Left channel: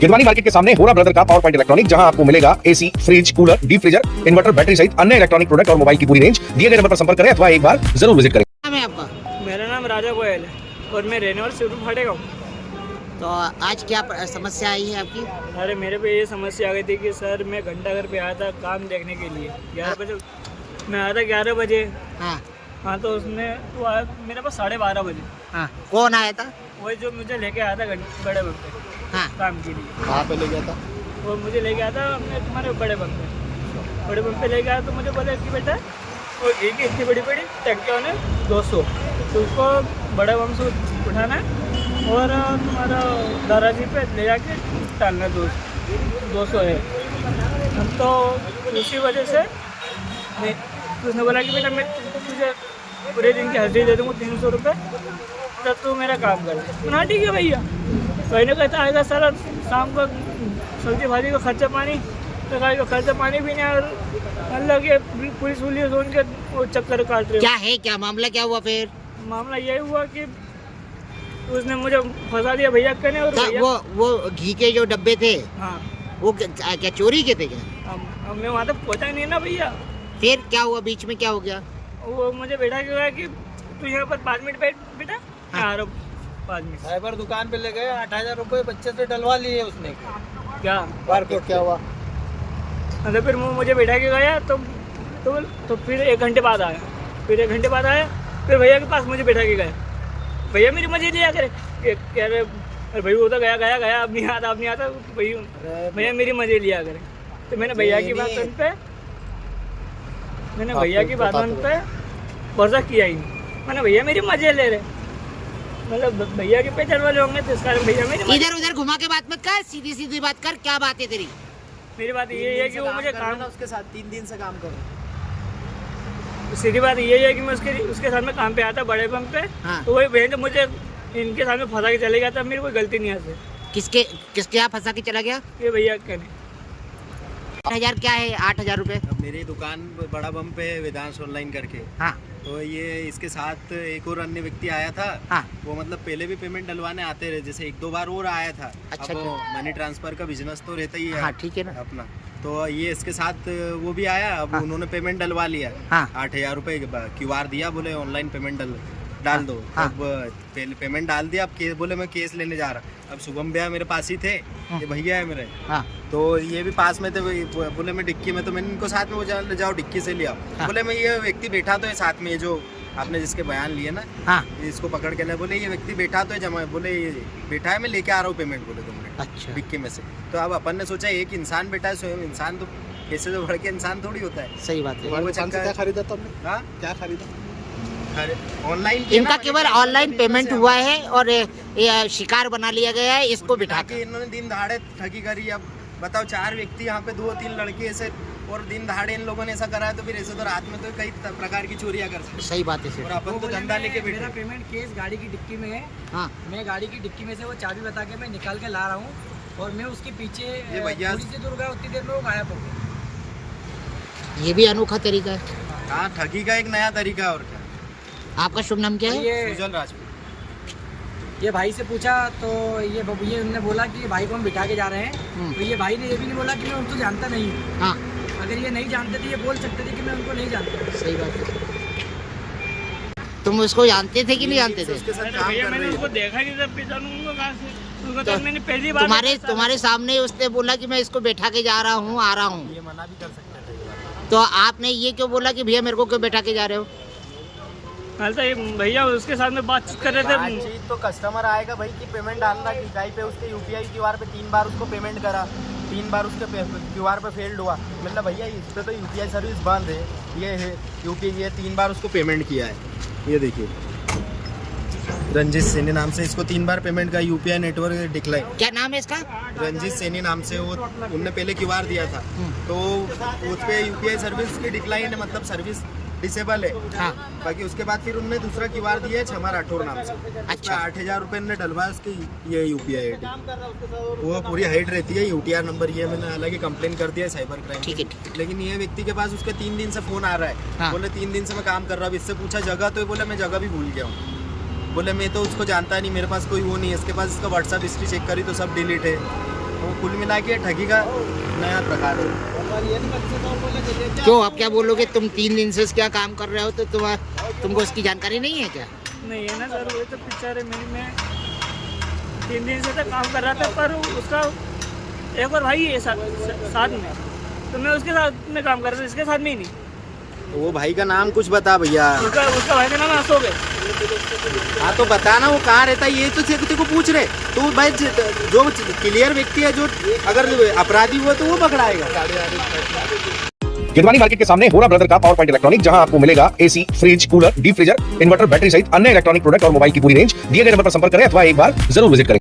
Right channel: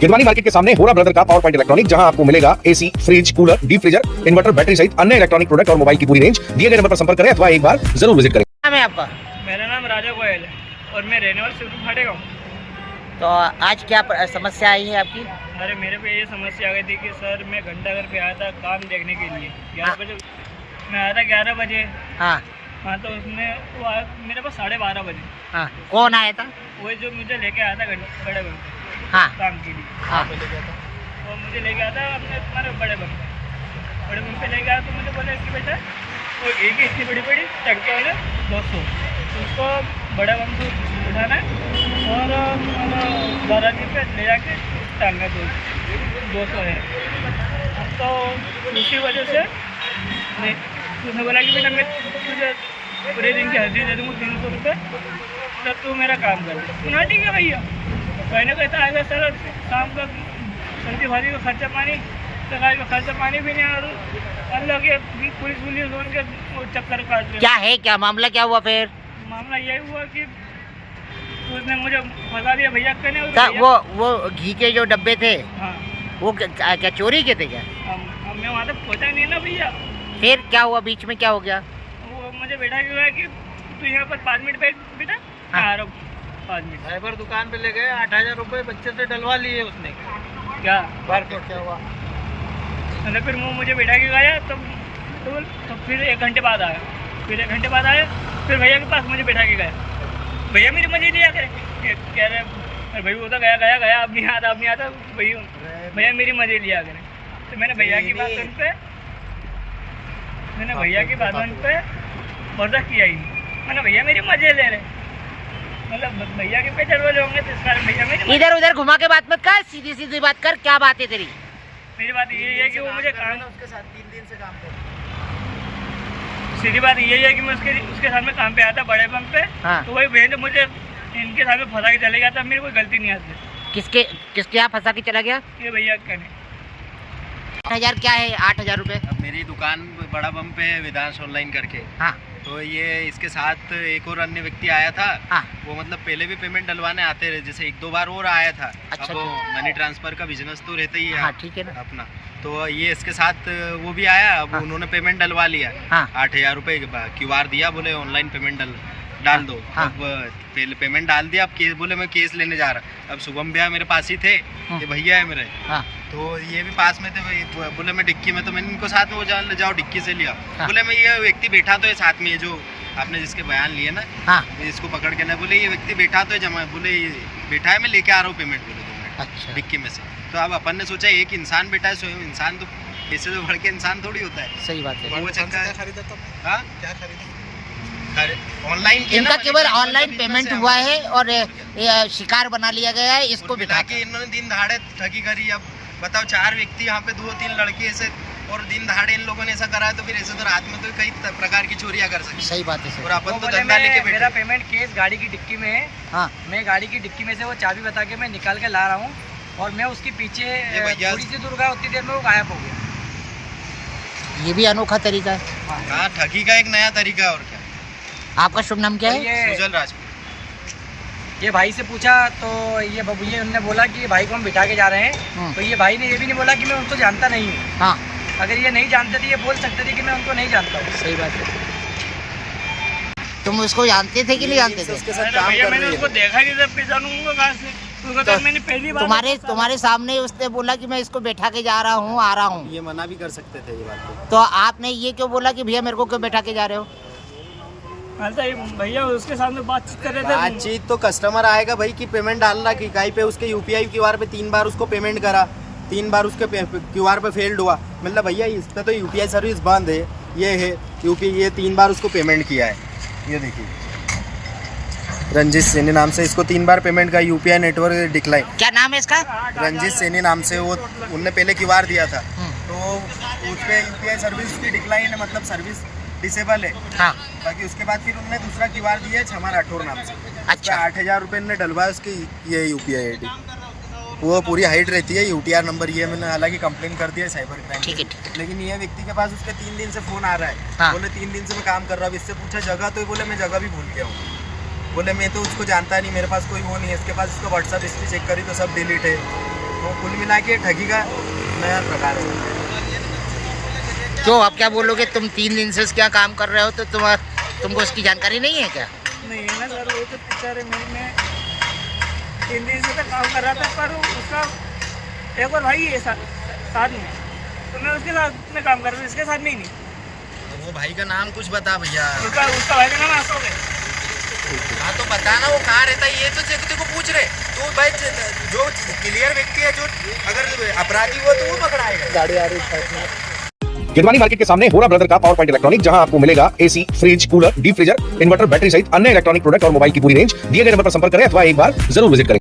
Girwani market के सामने होरा ब्रदर का पावर पॉइंट इलेक्ट्रॉनिक, जहां आपको मिलेगा AC, fridge, cooler, deep freezer, inverter, battery सहित अन्य इलेक्ट्रॉनिक प्रोडक्ट और मोबाइल की पूरी रेंज। दिए गए नंबर पर संपर्क करें अथवा एक बार जरूर विजिट करें। नाम है आपका? मेरा नाम राजा गोयल है और मैं रहने वाला सिद्धू फाटे का हूँ। तो आज क्या समस्या आई है आपकी? अरे मेरे पे ये समस्या आ गई थी कि सर मैं घंटाघर पे आया था काम देखने के लिए 11 बजे। मैं आया था 11 बजे। हाँ तो उसने वो आया मेरे पास 12:30 बजे। हाँ, कौन आया था? वही जो मुझे लेके आया था बड़े बम पे। हाँ, काम के लिए। हाँ, ले गया था वो, मुझे लेके आया था अपने तुम्हारे बड़े बम पे। बड़े बम पे लेके आया तो मुझे बोले कि बेटा वो घी की इतनी बड़ी बड़ी टंकियों ने 200, तो उसको बड़े बम से उठाना है और तुम्हारा दादाजी पे ले जाके डालना है। 200 है। तो उसी वजह से मैं उसने बोला कि बेटा मैं तुझे पूरे दिन की हाजिरी दे दूँगा 300 रुपये, तो तू मेरा काम कर। हाँ ठीक है भैया। मैंने कहता आएगा सर शाम को सब्जी भाजी का खर्चा पानी, लगाई का खर्चा पानी भी नहीं, और अल्लाह के पुलिस उनके वो चक्कर काट रहे। क्या है, क्या मामला क्या हुआ फिर? मामला यही हुआ कि उसने मुझे फंसा दिया भैया कहने। और वो घी के जो डब्बे थे, हाँ वो क्या चोरी के थे क्या? अब मैं वहाँ तक पहुँचा ही नहीं ना भैया। फिर क्या हुआ, बीच में क्या हो गया? वो मुझे बैठा के गया कि तू यहाँ पर 5 मिनट बैठ बेटा। हाँ 5 मिनट। ड्राइवर दुकान पे ले गए, 8,000 रुपये बच्चे से डलवा लिए उसने। क्या बारकोड क्या हुआ? मतलब फिर वो मुझे बैठा के गया तो फिर 1 घंटे बाद आया। फिर 1 घंटे बाद आया, फिर भैया के पास मुझे बैठा के गया। भैया मेरी मजे लिया करे, कह रहे अरे भाई वो तो गया अब नहीं आता भैया मेरी मजे लिया करे। तो मैंने भैया की बात पे भरोसा किया ही नहीं। मैंने भैया मेरी मजे ले रहे, मतलब भैया के पेचर वाले होंगे तो इस कारण भैया मेरी इधर उधर घुमा के बात मत कर, सीधी सीधी बात कर। क्या बात है तेरी? मेरी बात ये है कि वो मुझे काम उसके साथ 3 दिन से काम कर। सीधी बात यही है कि मैं उसके साथ में काम पे आया था बड़े बम पे। हाँ। तो वही बहन मुझे इनके साथ में फंसा के चले गया था। मेरी कोई गलती नहीं है। किसके यहाँ फंसा के चला गया? ये भैया कहने 8,000 क्या है? 8,000 रुपए। अब मेरी दुकान बड़ा बम पे है, वेदांश ऑनलाइन करके। हाँ, तो ये इसके साथ एक और अन्य व्यक्ति आया था। हाँ, वो मतलब पहले भी पेमेंट डलवाने आते रहे, जैसे 1-2 बार और आया था। अच्छा, अब वो मनी ट्रांसफर का बिजनेस तो रहता ही है। हाँ, ठीक है ना। अपना तो ये इसके साथ वो भी आया। अब हाँ, उन्होंने पेमेंट डलवा लिया। हाँ, 8,000 रुपये QR दिया, बोले ऑनलाइन पेमेंट डाल दो। हाँ, अब पहले पेमेंट डाल दिया। अब केस बोले मैं केस लेने जा रहा। अब शुभम भैया मेरे पास ही थे, ये भैया है मेरे। हाँ, तो ये भी पास में थे। बोले मैं डिक्की में, तो मैंने इनको साथ में वो जाओ डिक्की से लिया। हाँ, बोले मैं ये व्यक्ति बैठा तो है साथ में, ये जो आपने जिसके बयान लिए ना, हाँ, इसको पकड़ के लाए। बोले ये व्यक्ति बैठा तो है जमा, बोले ये बैठा है, मैं लेके आ रहा हूँ पेमेंट। बोले 2 मिनट अच्छा, डिक्की में से। तो अब अपन ने सोचा एक इंसान बैठा है, स्वयं इंसान तो पैसे से बढ़ के इंसान थोड़ी होता है। सही बात है। वो चक्कर खरीदा तुमने? हाँ क्या खरीदा? ऑनलाइन इनका केवल ऑनलाइन पेमेंट हुआ है और ये शिकार बना लिया गया है इसको बिठा के। इन्होंने दिन दहाड़े ठगी करी। अब बताओ 4 व्यक्ति यहाँ पे, 2-3 लड़के ऐसे, और दिन दहाड़े इन लोगों ने ऐसा करा है। तो फिर ऐसे तो रात में तो कई प्रकार की चोरियां कर सकते। सही बात है। और अपन तो धंधा लेके मेरा बैठे। पेमेंट केस गाड़ी की डिक्की में है। हाँ, मैं गाड़ी की डिक्की में से वो चाबी बता के मैं निकाल के ला रहा हूँ और मैं उसके पीछे भैया थोड़ी सी दूर गया, उतनी देर में वो गायब हो गया। ये भी अनोखा तरीका है। हाँ, ठगी का एक नया तरीका है। और क्या? आपका शुभ नाम क्या है? सुजल राजपूत। ये भाई से पूछा तो ये उन्होंने बोला कि भाई को हम बिठा के जा रहे हैं। तो ये भाई ने ये भी नहीं बोला कि मैं उनको जानता नहीं हूँ। हाँ, अगर ये नहीं जानते थे ये बोल सकते थे कि मैं उनको नहीं जानता हूँ। सही बात है। तुम उसको जानते थे कि नहीं जानते थे? अरे भैया मैंने उसको देखा नहीं था, पहचानूंगा कहाँ से? उसको तो मैंने पहली बार तुम्हारे सामने उसने बोला कि मैं इसको बैठा के जा रहा हूँ, आ रहा हूँ। ये मना भी कर सकते थे ये बात। तो आपने ये क्यों बोला कि भैया मेरे को क्यों बैठा के जा रहे हो? भैया उसके साथ में बातचीत कर रहे थे। बातचीत तो कस्टमर आएगा भाई कि पेमेंट डालना कि कहीं पे उसके UPI QR पे 3 बार उसको पेमेंट करा, 3 बार उसके QR पे फेल्ड हुआ। मतलब भैया इसमें तो UPI सर्विस बंद है। ये है UPI, ये 3 बार उसको पेमेंट किया है। ये देखिए रंजीत सैनी नाम से इसको 3 बार पेमेंट का UPI नेटवर्क डिक्लाइन। क्या नाम है इसका? रंजीत सैनी नाम से। वो उनने पहले QR दिया था तो उस पर UPI सर्विस की डिक्लाइन है, मतलब सर्विस डिसेबल है। हाँ, बाकी उसके बाद फिर उनने दूसरा QR दिया है क्षमा राठौर नाम से। अच्छा। 8,000 रुपये ने डलवाया उसकी ये UPI ID। वो पूरी हाइट रहती है। UTR नंबर ये मैंने हालांकि कंप्लेन कर दिया है साइबर क्राइम। ठीक है। लेकिन ये व्यक्ति के पास उसके 3 दिन से फोन आ रहा है। हाँ। बोले 3 दिन से मैं काम कर रहा हूँ। इससे पूछा जगह, तो बोले मैं जगह भी भूल गया हूँ। बोले मैं तो उसको जानता नहीं, मेरे पास कोई वो नहीं है। इसके पास इसका व्हाट्सअप हिस्ट्री चेक करी तो सब डिलीट है। तो कुल मिला के ठगी का नया प्रकार है। क्यों आप क्या बोलोगे, तुम 3 दिन से क्या काम कर रहे हो तो तुमको इसकी जानकारी नहीं है क्या? नहीं है ना सर, वही तो पिक्चर है मैं 3 दिन से तो काम कर रहा था, पर उसका एक और भाई है साथ में, तो मैं उसके साथ में काम कर रहा था, इसके साथ में ही नहीं। तो वो भाई का नाम कुछ बता भैया। उसका भाई का नाम अशोक है। हाँ तो बताना वो कहाँ रहता है, ये तो तेरे को पूछ रहे। तो भाई जो क्लियर व्यक्ति है, जो अगर अपराधी हुआ तो वो पकड़ाएगा। गाड़ी आ रही है। गिरवानी मार्केट के सामने होरा ब्रदर का पावर पॉइंट इलेक्ट्रॉनिक, जहां आपको मिलेगा AC, fridge, cooler, deep freezer, inverter, battery सहित अन्य इलेक्ट्रॉनिक प्रोडक्ट और मोबाइल की पूरी रेंज। दिए गए नंबर पर संपर्क करें अथवा एक बार जरूर विजिट करें।